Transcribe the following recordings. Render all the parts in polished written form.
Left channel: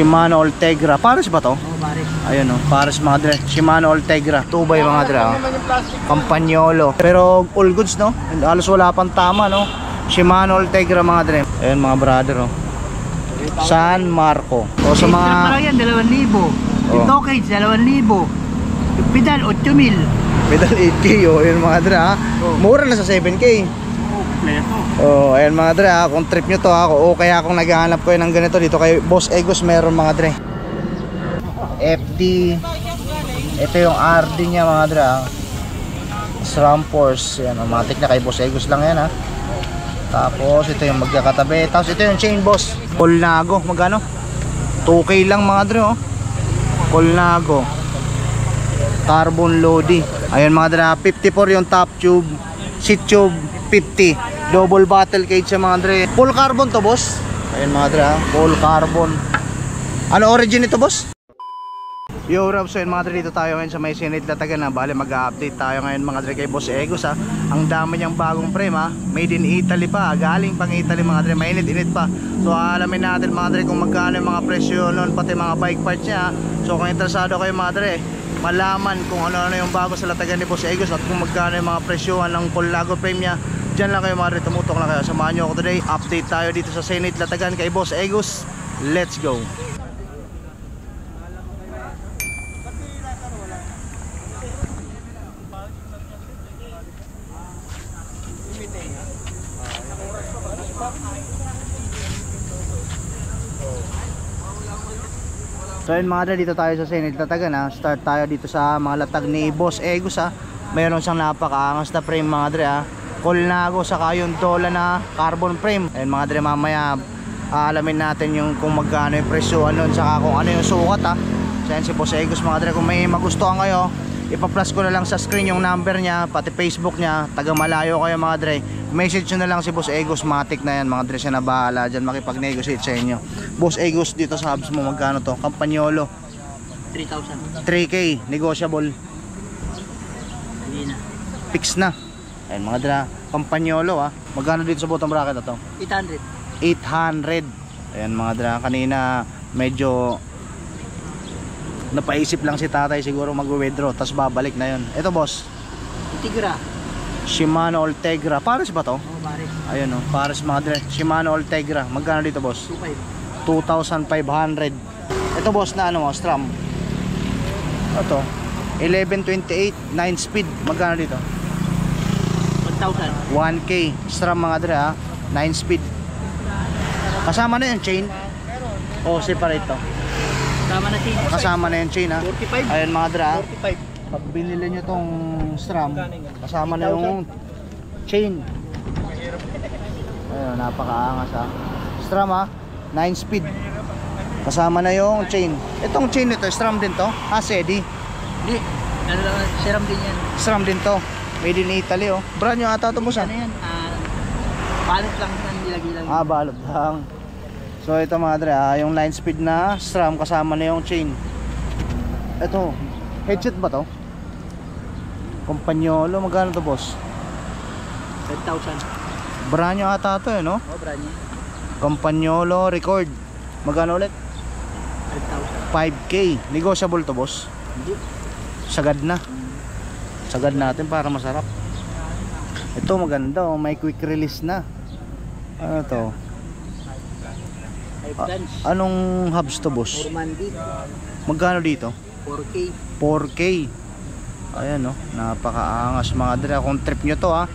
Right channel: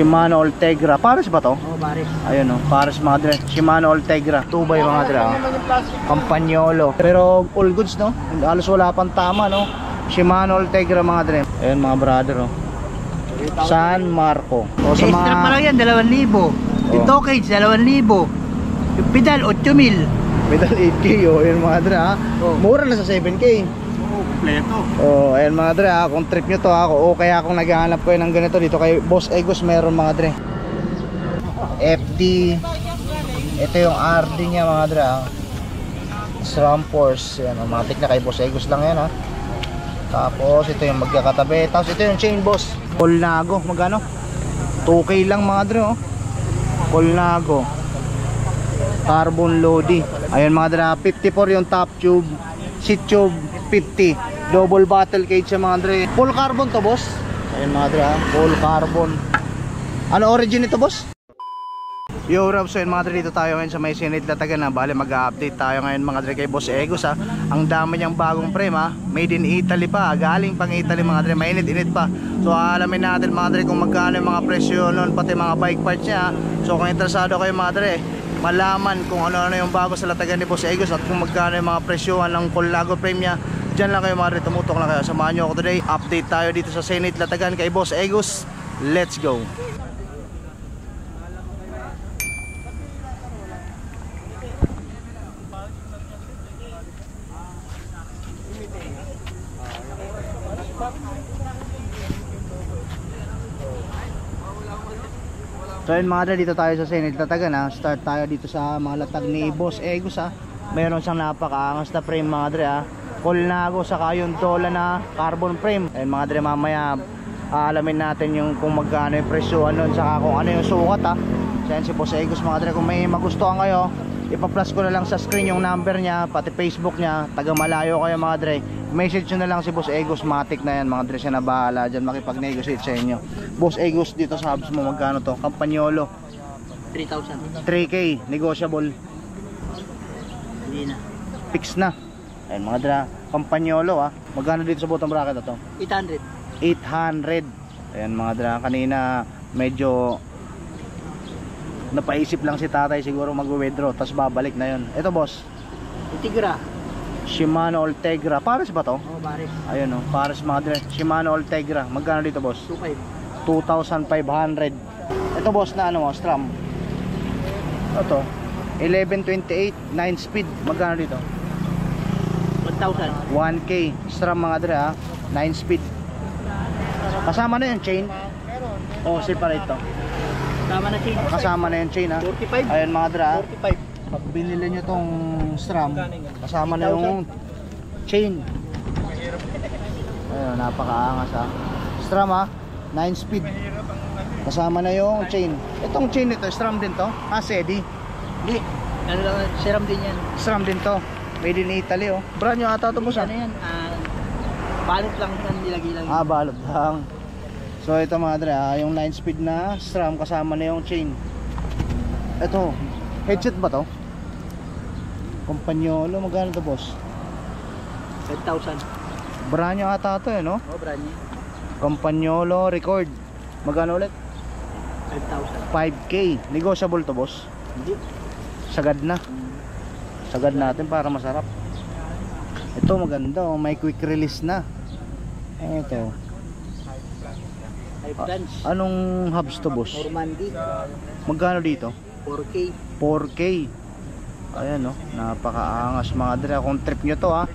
Shimano Ultegra. Pares ba to? Oo, pares. Ayun o, pares mga dre. Shimano Ultegra 2x mga dre. Campagnolo. Pero all goods no. Halos wala pang tama no. Shimano Ultegra mga dre. Ayun mga brother o. San Marco. O sa Extra pa lang yan, 2,000. Yung toe cage, 2,000. Yung pedal, 8,000. Pedal 8K o. Ayun mga dre ha. Mura na sa 7K. Oo, kompleto. Oh, ayun mga dre ha. Kung trip nyo to ha. O kaya kung naghahanap ko ng ganito dito kay Boss Egos meron mga dre. FD. Ito yung RD niya mga dre ha. SRAM Force. Yan, matik na kay Boss Egos lang yan ha. Tapos ito yung magkakatabi. Tapos ito yung chain boss Colnago, magkano? 2K lang mga dre oh. Colnago Carbon Lodi. Ayun mga dre, 54 yung top tube. Seat tube 50. Double battle cage yung mga dre. Full carbon to boss. Ayun mga dre, full carbon. Ano origin ito boss? Yo Rob, so yun mga dre, dito tayo ngayon sa may Sinit Latagan na. Bale mag-update tayo ngayon mga dre kay Boss Egos ha. Ang dami niyang bagong frame ha. Made in Italy pa, galing pang Italy mga dre. Mainit-init pa. So alamin natin mga dre kung magkano yung mga presyo nun, pati mga bike parts niya ha. So kung interesado kayo mga dre, malaman kung ano-ano yung bago sa Latagan ni Boss Egos at kung magkano yung mga presyohan ng Colnago frame niya, dyan lang kayo mga dre, tumutok lang kayo. Samahan nyo ako today, update tayo dito sa Sinit Latagan kay Boss Egos. Let's go. So yun mga dre, dito tayo sa Sinit Latagan ha. Start tayo dito sa mga latag ni Boss Egos ha. Mayroon siyang napakaangas na frame mga dre ha. Colnago saka yung Dola na carbon frame. Ayun mga dre, mamaya alamin natin yung kung magkano yung presyo nun, saka kung ano yung sukat ha. So yan si Boss Egos mga dre. Kung may magustuhan kayo, ipa-plus ko na lang sa screen yung number niya, pati Facebook niya. Taga malayo kayo mga dre, message nyo na lang si Boss Egos. Matic na yan mga dre, siya na bahala dyan makipag-negotiate sa inyo. Boss Egos, dito sa hubs mo magkano to? Campagnolo 3,000. 3K, negotiable. Hindi na. Fix na. Ayun mga dre, Campagnolo ha. Magkano dito sa bottom bracket na to? 800. 800. Ayun mga dre, kanina medyo napaisip lang si tatay, siguro mag-withdraw tapos babalik na yun. Ito boss, Ultegra. Shimano Ultegra. Pares ba to? Oo, pares. Ayun oh, pares mga dre. Shimano Ultegra. Magkano dito boss? 2,500. 2,500. Ito boss na ano mo, SRAM. Ito 1128 9 speed. Magkano dito? 1,000. 1K. SRAM mga dre ha. 9 speed. Kasama na yung chain o separate to? Kasama na chain. Kasama na yung chain ha. 45. Ayun mga dre ha. 45. Pag binili nyo tong SRAM, kasama na yung chain. Ayun, napakaangas ha. SRAM ha, 9 speed. Kasama na yung chain. Itong chain nito, SRAM din to? Sedi? Hindi. Ano lang, serum din yan. SRAM din to. Made in Italy oh. Brand nyo ata ito boss ha? Ano yan? Balot lang yan, nilagay lang. Balot lang. So ito mga dre ha, yung 9 speed na SRAM kasama na yung chain. Ito, headset ba to? Campagnolo, magkano to boss? 10,000. Brand nyo ata ito eh no? Oo, brand niya. Campagnolo record. Magkano ulit? 10,000. 5K. Negotiable to boss? Hindi. Sagad na. Sagad natin para masarap. Ito maganda oh, may quick release na. Ano to? Anong hubs to boss? Normandy. Magkano dito? 4K. 4K. Ayan no, napakaangas mga dre. Kung trip nyo to ha,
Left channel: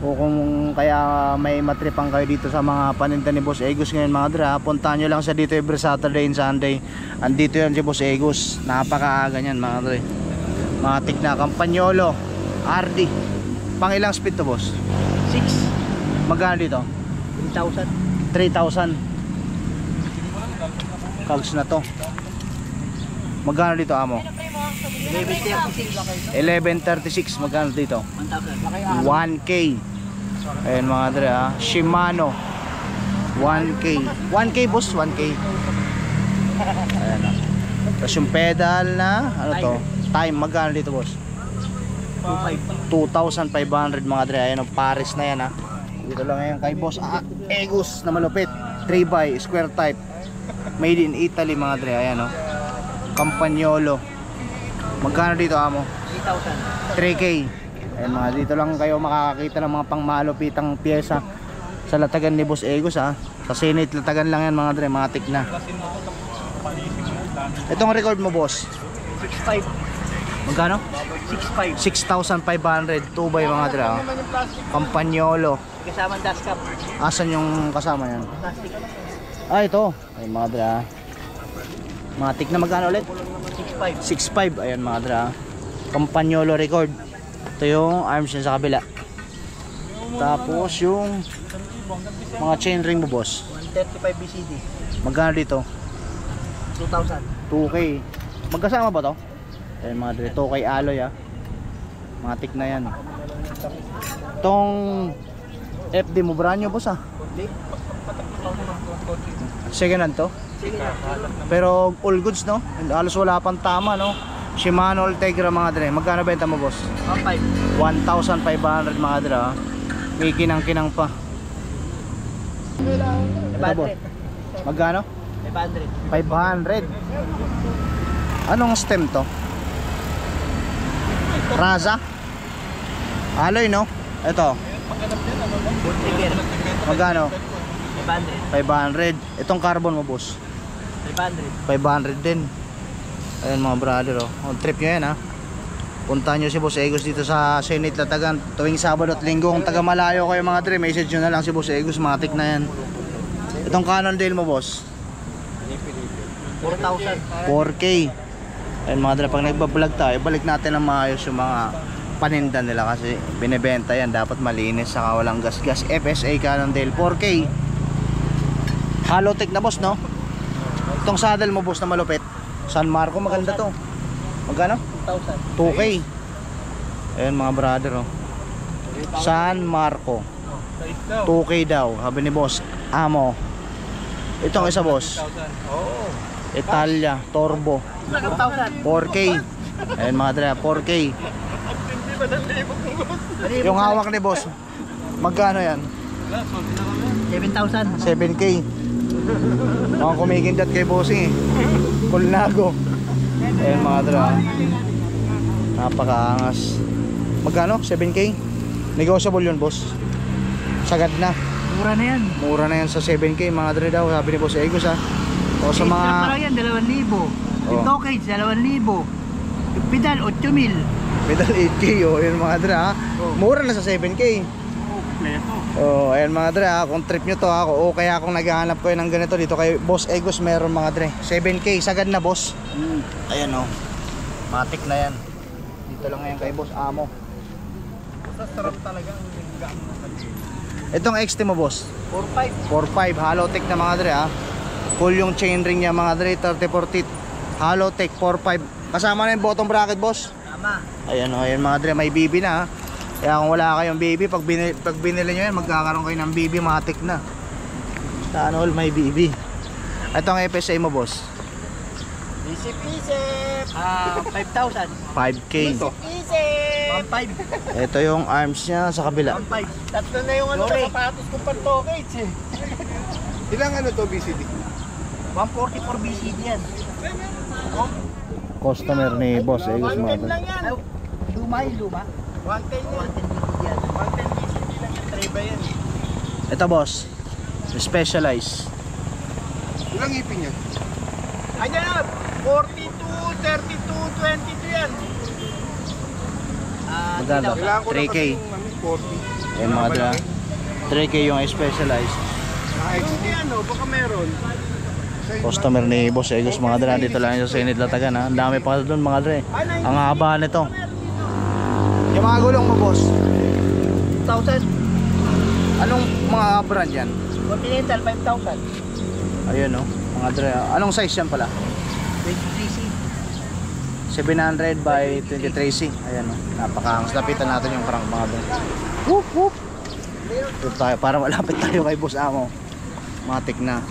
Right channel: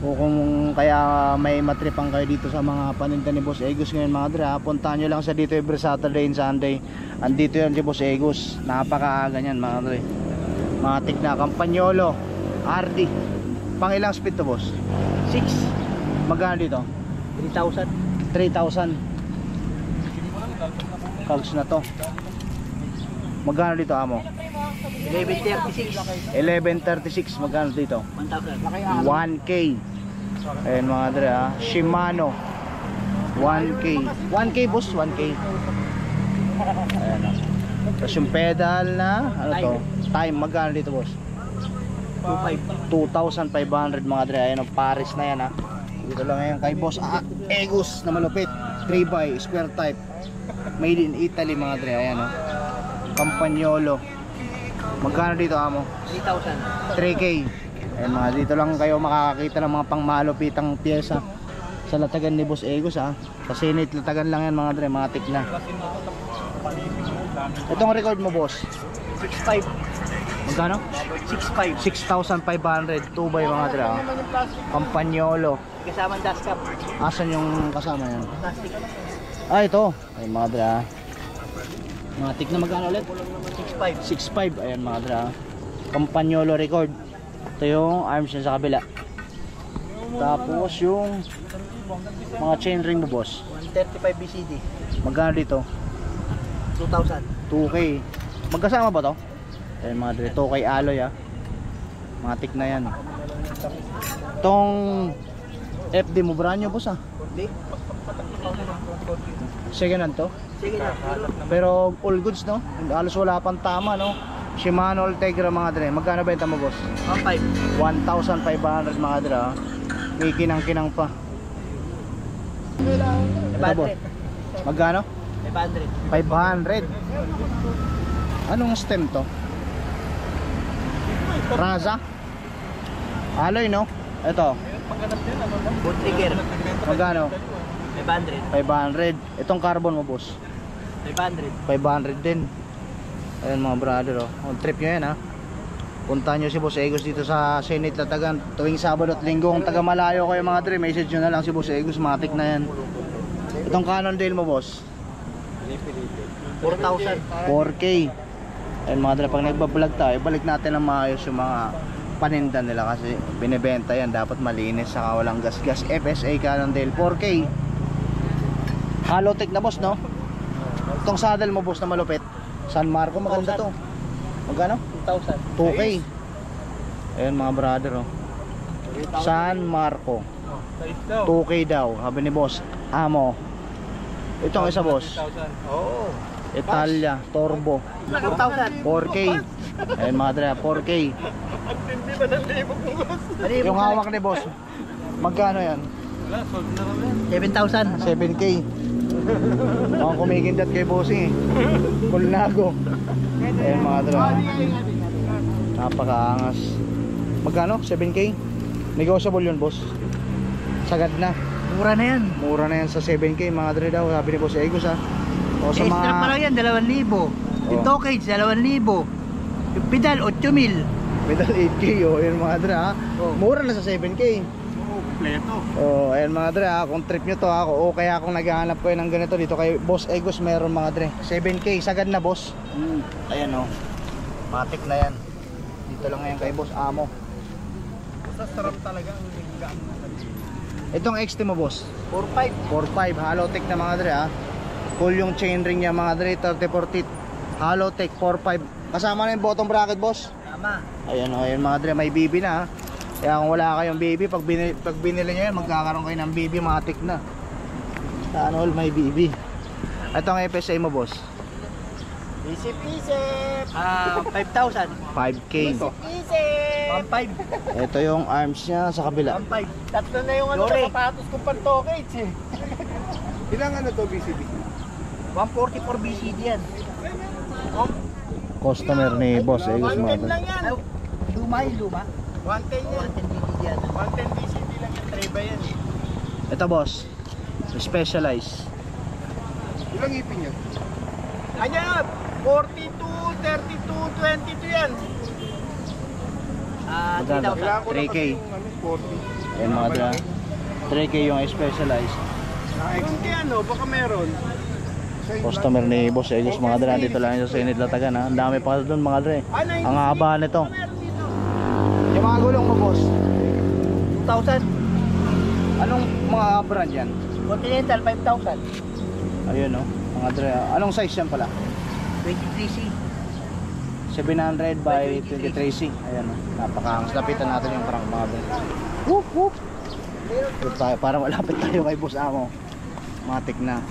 o kung kaya may matripang kayo dito sa mga paninda ni Boss Egos ngayon mga dre ha, puntahan nyo lang sa dito every Saturday and Sunday. Andito yan si Boss Egos. Napakaaga nyan mga dre. Matik na. Campagnolo RD. Pang ilang speed to boss? 6. Magkano dito? 3,000. 3,000. Cogs na to. Magkano dito amo? 1136. 1136. Magkano dito? 1,000. 1K. Ayun mga dre ha. Shimano 1K. 1K boss, 1K. Ayan ha. Tapos yung pedal na ano to? Time. Magkano dito boss? 2,500 mga dre. Ayan ang Paris na yan ha. Dito lang ngayon kay Boss Egos na malupit. 3x square type. Made in Italy mga dre. Ayan o. Campagnolo. Magkano dito amo? 3,000. 3K. Ayan mga, dito lang kayo makakakita ng mga pangmalupitang pyesa sa latagan ni Boss Egos ha. Sa Senate latagan lang yan mga dre, matik na. Itong record mo boss? 6,500. Magkano? 6,500. 6,500 2 by mga dre ha. Campagnolo. Kasama ang dashcam. Asan yung kasama yan? Plastic. Ah ito. Ay mga dre ha. Matik na magkano ulit? 6,500. 6.5. Ayan mga dre ha. Campagnolo record. Ito yung arms niya sa kabila. Tapos yung mga chainring mo boss. 135 BCD. Magkano dito? 2,000. 2K. Magkasama ba to? Ayan mga dre. 2K alloy ha. Matik na yan. Itong FD mo brand new boss ha. Kundi. Second hand to? Sige na. Pero all goods no? Halos wala pang tama no? Shimano Ultegra mga dre. Magkano benta mo boss? 1,500. 1,500 mga dre ha. May kinang-kinang pa. Ito boss. Magkano? 500. 500. Anong stem to? Raza? Alloy no? Ito. Boot trigger. Magkano? 500. 500. Itong carbon mo boss? 500. 500 din. Ayan mga brother oh. On trip nyo yan ha. Punta nyo si Boss Egos dito sa Senate Latagan tuwing Sabado at Linggo. Kung taga malayo kayo mga dre, message nyo na lang si Boss Egos, matik na yan. Itong Cannondale mo boss? 4,000. 4K. Ayan mga dre, pag nagbablog tayo, balik natin ang maayos yung mga paninda nila kasi binibenta yan, dapat malinis saka walang gas-gas. FSA Cannondale 4K. Halotech na boss no? Itong saddle mo boss na malupit, San Marco, maganda to. Magkano? 2,000. 2K. Ayan mga brother oh. San Marco 2K daw, sabi ni boss Amo. Itong isa boss, Oo. Italia Turbo 4,000. 4K. Ayan mga dre, 4K. Yung hawak ni boss, magkano yan? 7,000. 7K. Mga kumikindat kay bossing eh. Kulnago. Ayan mga dre, napakaangas. Magkano? 7K? Negotiable yun boss. Sagad na. Mura na yan. Mura na yan sa 7K mga dre daw, sabi ni Boss Egos ha. O sa Extra pa lang yan, 2,000. Yung toe cage, 2,000. Yung pedal, 8,000. Pedal 8K o, ayan mga dre ha. Mura na sa 7K. Kompleto. Oh, ayan mga dre ha, kung trip nyo to ako o kaya kung naghahanap ko ng ganito dito kay Boss Egos, meron mga dre 7K, sagad na boss. Ayan o, matik na yan. Dito lang ngayon kay Boss Amo. Sarap talaga ang linggaan. Itong XT mo boss, 4,500. 4.5, Halotech na mga dre ha. Full yung chainring niya mga dre, 30-40 Halotech 4.5. Kasama na yung bottom bracket boss. Tama. Ayan o, ayan mga dre, may BB na ha. Kaya kung wala kayong BB, pag binili nyo yan, magkakaroon kayo ng BB, matik na. Saan all may BB. Itong FSA mo boss, Isip-isip. 5,000. 5K. Isip-isip. 1,500. Ito yung arms niya sa kabila. 1,500. Tatlo na yung ano sa sapatos ko pang toe cage eh. Ilang ano to BCD? 144 BCD yan. Customer ni Boss Egos mga 110 dre. lang yan. Luma yung luma. 110 yan. 110 BCD yan. 110 BCD lang yan. Treba yan. Ito boss, Specialized. Ilang ipin niya? Kanya 42, 32, 22 yan. Magkano? 3,000. 3K. 40. Ayan mga dre, 3K yung Specialized. Yung ano, baka meron. Customer ni Boss Egos mga dre, dito lang yung sa Senate Latagan ha. Ang dami pa doon mga dre. Ang haba nito. Yung mga gulong mo boss, 2,000. anong mga brand yan? Continental, 5,000. Ayun oh, mga dre. Anong size yan pala? 23C. 700 by 23C. Ayan oh, napakaangas. Lapitan natin yung crank mga dre. Whoop whoop. Dito tayo para malapit tayo kay Boss Amo. Matik na.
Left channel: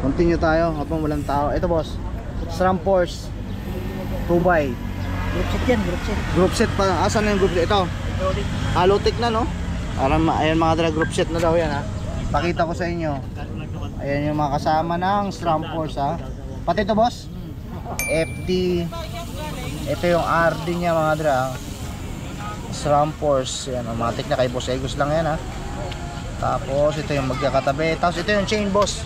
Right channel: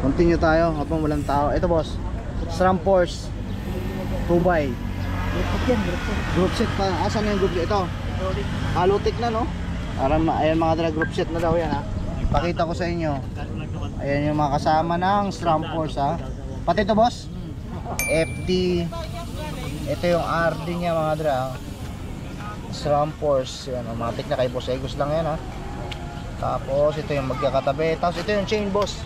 Continue tayo habang walang tao. Ito boss, SRAM Force 2x. Group set yan, group set. Group set pa. Asan yung group set? Ito. Halotech na no? Ayan mga dre, group set na daw yan ha. Pakita ko sa inyo. Ayan yung mga kasama ng SRAM Force ha. Pati ito boss? FD. Ito yung RD niya mga dra. SRAM Force. Yan, automatic na kay Boss Egos lang yan ha. Tapos ito yung magkakatabi. Tapos ito yung chain boss.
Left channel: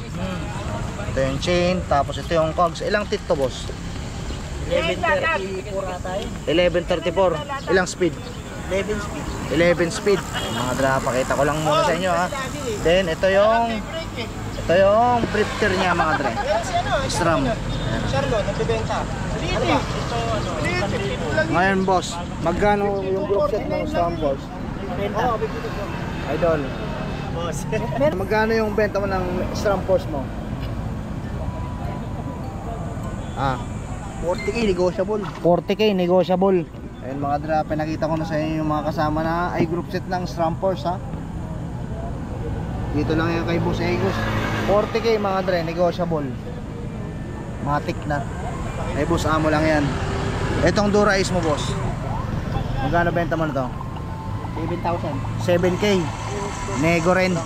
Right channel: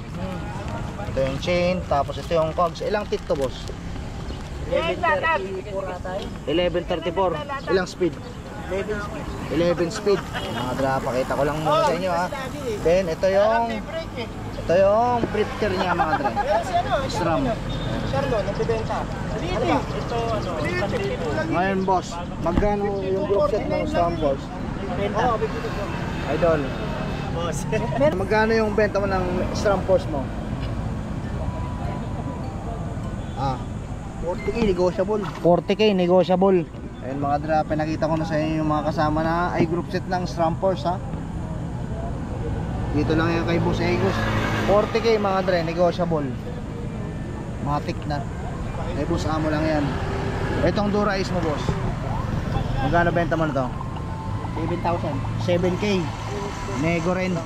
Ito yung chain. Tapos ito yung cogs. Ilang tit to boss? 1134. Ilang speed? 11 speed. Mga dra, pakita ko lang muna sa inyo ha. Then ito yung drifter niya mga dra. SRAM. Charlotte, nagbebenta. Ano ba? Ito ano, 1,000. Ngayon boss, magkano yung group set ng SRAM Force? Oo, Idol. boss. Magkano yung benta mo ng SRAM Force mo? 40k negotiable. 40k negotiable. Ayun mga dra, pinakita ko na sa inyo yung mga kasama na ay group set ng SRAM Force ha. Dito lang yan kay Boss Egos. 40k mga dra, negotiable. Matik na. Ay Boss Amo lang yan. Itong Dura Ace mo boss, magkano benta mo na to? 7,000. 7k. Nego rin.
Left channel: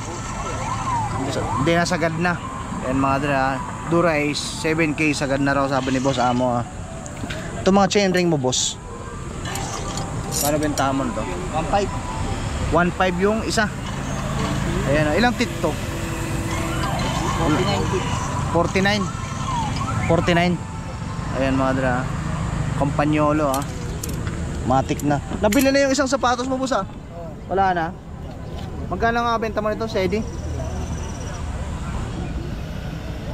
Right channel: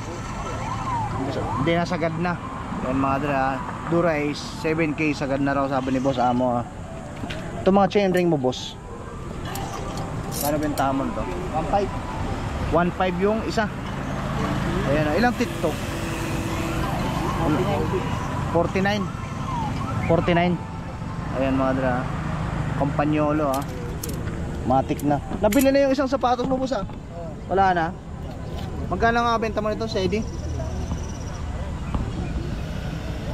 Hindi na sagad na. Yan mga dra, Dura Ace 7k sagad na raw sabi ni Boss Amo ha. Ito mga chain ring mo boss, paano bentahan mo nito? 1,500. 1.5 yung isa. Ayan, ilang tit to? 49. 49. Ayan mga dra, Campagnolo ha. Matik na. Nabili na yung isang sapatos mo boss ha? Wala na. Magkano nga benta mo nito, Sedi?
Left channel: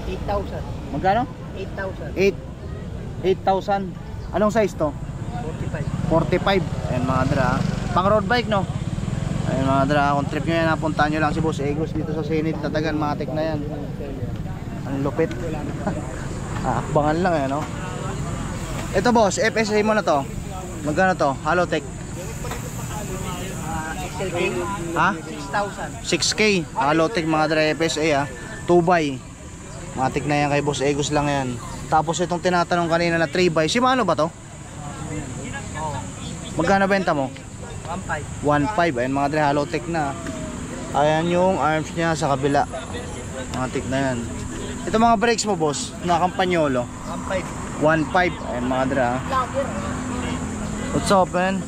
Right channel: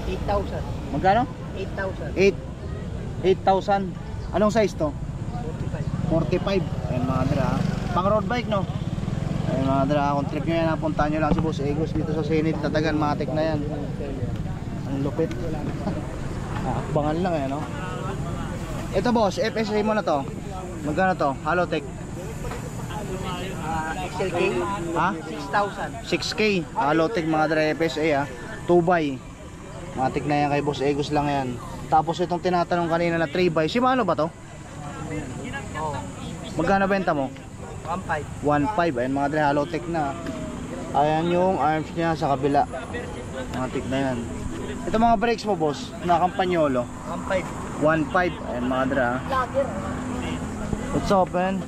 8,000. Magkano? 8,000. 8,000. Anong size to? 45. 45. Ayan mga dra, pang road bike no? Ayan mga dra, kung trip nyo yan, napuntahan nyo lang si Boss Egos dito sa Senate, Tatagan, matik na yan. Ang lupit. Akbangan lang eh no? Ito boss, FSA mo na to. Magkano to? Halotech. XLK. Ha? 6,000. 6k. Halotech mga dra, FSA ha. 2x. Matik na yan kay Boss Egos lang yan. Tapos itong tinatanong kanina na 3x, si Mano ba to? Oo. Magkano benta mo? 1,500. 1.5. Ayan mga dre, Halotech na. Ayan yung arms niya sa kabila. Matik na yan. Ito mga brakes mo boss, na Campagnolo. 1,500. 1.5. Ayan mga dre. What's open?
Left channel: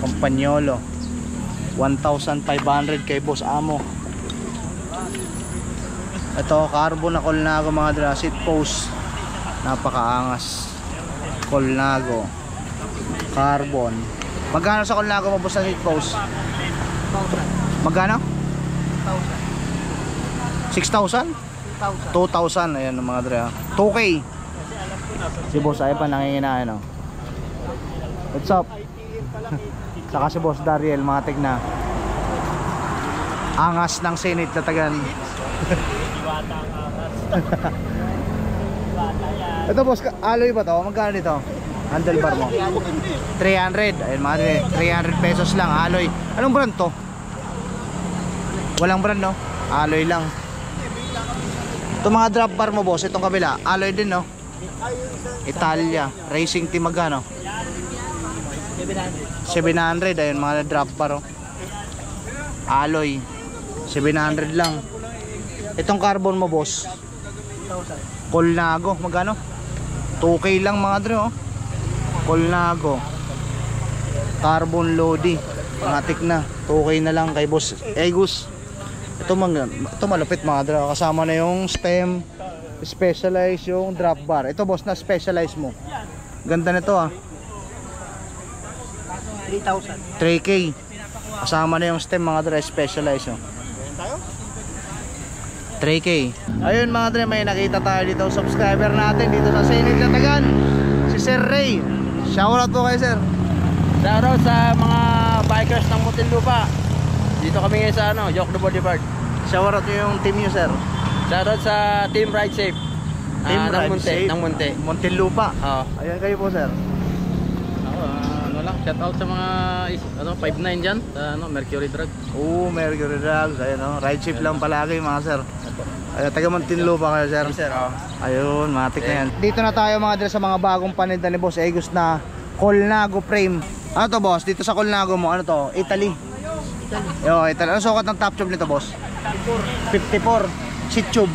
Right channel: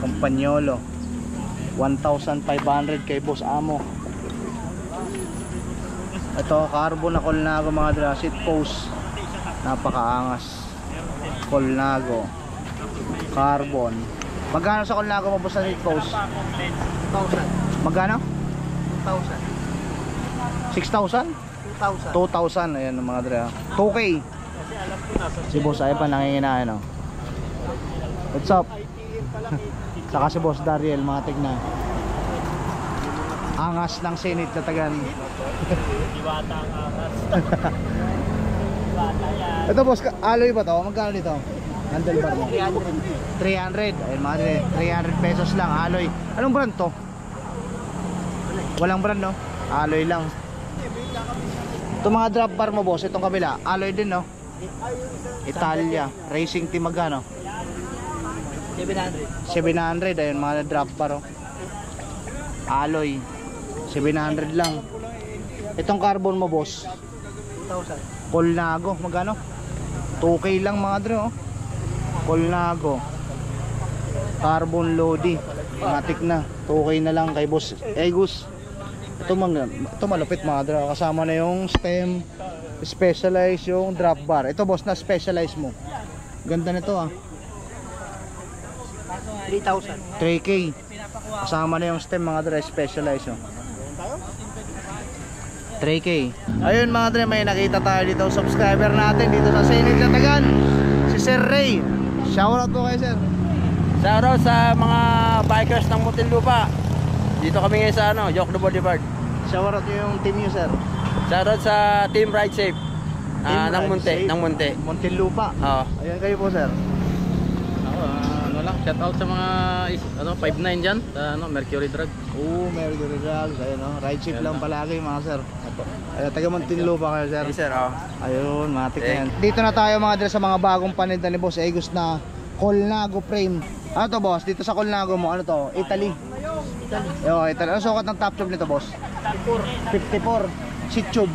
Campagnolo. 1,500 kay Boss Amo. Ito carbon na Colnago mga dre, seat post. Napakaangas. Colnago. Carbon. Magkano sa Colnago mo boss na seat post? 2,000. Magkano? 2,000. 6,000? 2,000. 2,000. Ayan ang mga dre. 2K. Si boss ay pa nanginginain no. What's up? Saka si boss Dariel, mga tigna. Angas ng Senate Tatagan. Diwata ang angas. Diwata yan. Ito boss, alloy ba to? Magkano dito? Handlebar mo? 300. Ayun mga dre, 300 pesos lang alloy. Anong brand to? Walang brand no? Alloy lang. Itong mga drop bar mo boss, itong kabila, alloy din no? Italia, racing team magkano? 700. 700. Ayun mga drop bar oh. Alloy 700 lang. Itong carbon mo boss, 2,000. Colnago, magkano? 2K lang mga dre oh. Colnago carbon Lodi, matik na. 2K na lang kay Boss Egos. Ito malupit mga dre, kasama na yung stem, specialized yung drop bar. Ito boss na specialized mo. Ganda nito ah. 3,000. 3K. Kasama na yung stem mga dre, specialized oh. 3K. Ayun mga dre, may nakita tayo dito subscriber natin dito sa Senate Tatagan, si Sir Ray. Shoutout po kayo sir. Shoutout sa mga bikers ng Muntinlupa. Dito kami ngayon sa Joke the Bodyguard. Shoutout yung team nyo sir. Shoutout sa Team Ride Safe. Team ng Ride Munti, Safe. ng Munti. Muntinlupa. Oo. Ayan kayo po sir. Ako, shoutout sa mga 5'9" dyan, sa Mercury Drug. Mercury Drug. Ayun oh. Ride safe lang palagi mga sir. Ayun, taga Muntinlupa kayo sir. Yes sir, oo. Ayun, matik na yan. Dito na tayo mga dre sa mga bagong paninda ni Boss Egos na Colnago frame. Ano to boss? Dito sa Colnago mo, ano to? Italy. Yo, Italy. Ano sukat ng top tube nito boss? 54. Seat tube.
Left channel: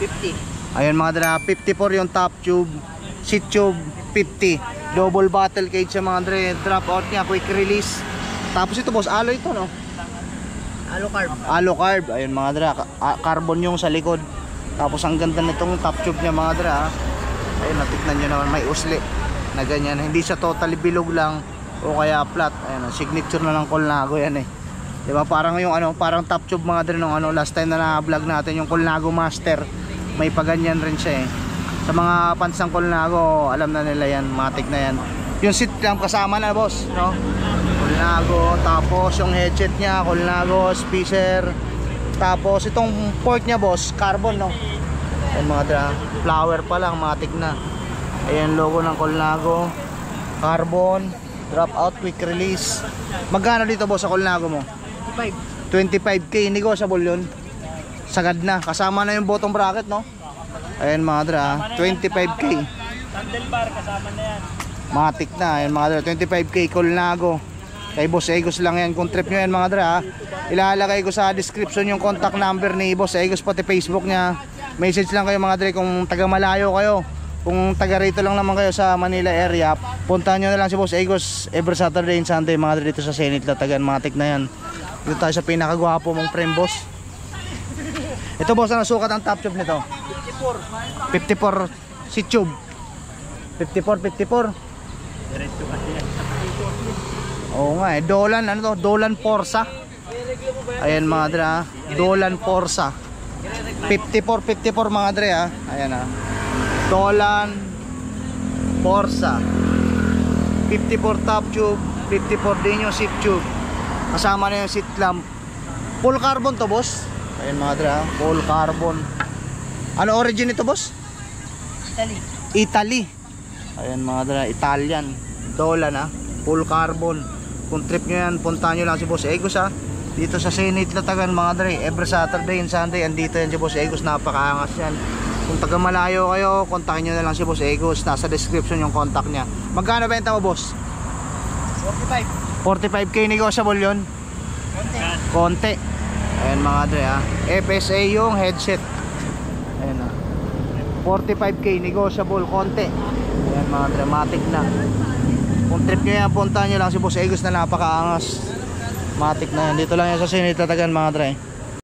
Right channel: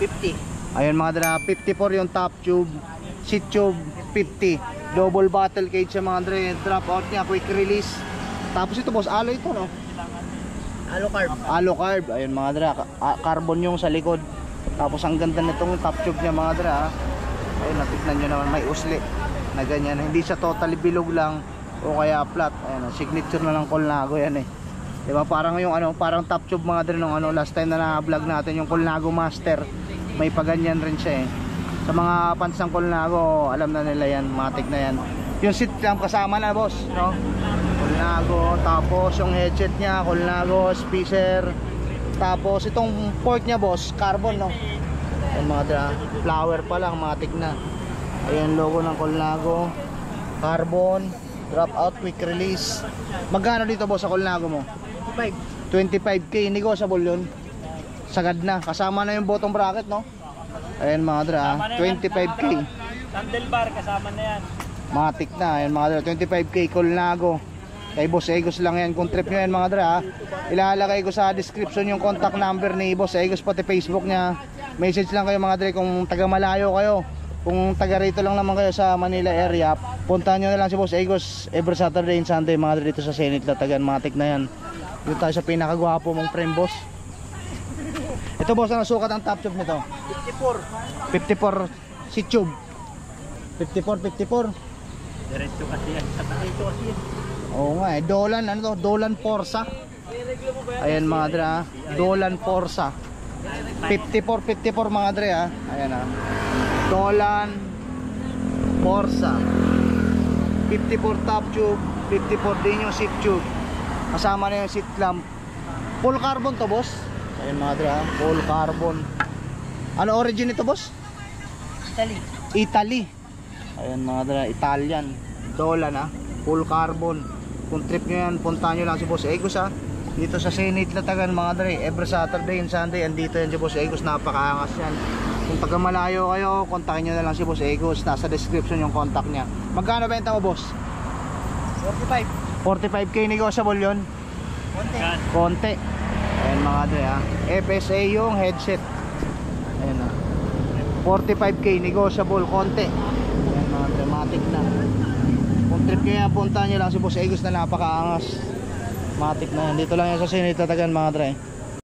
50. Ayun mga dre, 54 yung top tube. Seat tube 50. Double bottle cage sa mga dre. Drop out niya, quick release. Tapos ito boss, alloy ito no? Alucarb. Alucarb. Ayun mga dre, carbon yung sa likod. Tapos ang ganda nitong top tube niya mga dre. Ayun, natiknan nyo naman, may usli na ganyan. Hindi siya totally bilog lang o kaya flat. Ayun, signature na ng Colnago yan eh. Diba parang yung ano, parang top tube mga dre nung ano, last time na na-vlog natin yung Colnago Master. May paganyan rin siya eh. Sa mga fans ng Colnago, alam na nila yan, matik na yan. Yung seat clamp kasama na boss, no? Colnago, tapos yung headset niya, Colnago, speaker. Tapos itong port niya boss, carbon no? Yung mga dra, flower pa lang, matik na. Ayan logo ng Colnago, carbon, drop out, quick release. Magkano dito boss sa Colnago mo? 25k, negotiable yun. Sagad na, kasama na yung bottom bracket no? Ayan mga dra, 25k. Handlebar kasama na yan. Matik na, ayan mga dra, 25k Colnago. Kay Boss Egos lang yan, kung trip nyo yan mga dra. Ilalagay ko sa description yung contact number ni Boss Egos, pati Facebook niya. Message lang kayo mga dra kung taga malayo kayo. Kung taga rito lang naman kayo sa Manila area, puntahan nyo na lang si Boss Egos every Saturday and Sunday mga dra dito sa Senate Latagan. Matik na yan. Dito tayo sa pinakagwapo mong frame boss. Ito boss, ano sukat ang top tube nito? 54 seat tube. 54. Diretso kasi yan. Oo nga eh, Dolan, ano to? Dolan Forza. Ayan mga dre ha, Dolan Forza 54 mga dre ha. Ayan ha, Dolan Forza 54 top tube, 54 din yung seat tube. Kasama na yung seat lamp. Full carbon to boss. Ayan mga dre ha, full carbon. Ano origin ito boss? Italy. Ayan mga dre, Italian. Dolan ha, full carbon. Kung trip nyo yan, puntahan nyo lang si Boss Egos ha. Dito sa Senate Latagan mga dre, every Saturday and Sunday andito yan si Boss Egos, napakaangas yan. Kung taga malayo kayo, kontakin nyo na lang si Boss Egos. Nasa description yung contact nya. Magkano benta mo boss? 45k, negotiable yun? Konti. Ayan mga dre ha, FSA yung headset. Ayan ha, 45k, negotiable, konti. Ayan mga dramatic na. Kung trip nyo yan, puntahan nyo lang si Boss Egos na napakaangas. Matik na yan. Dito lang yan sa Senate Latagan mga dre.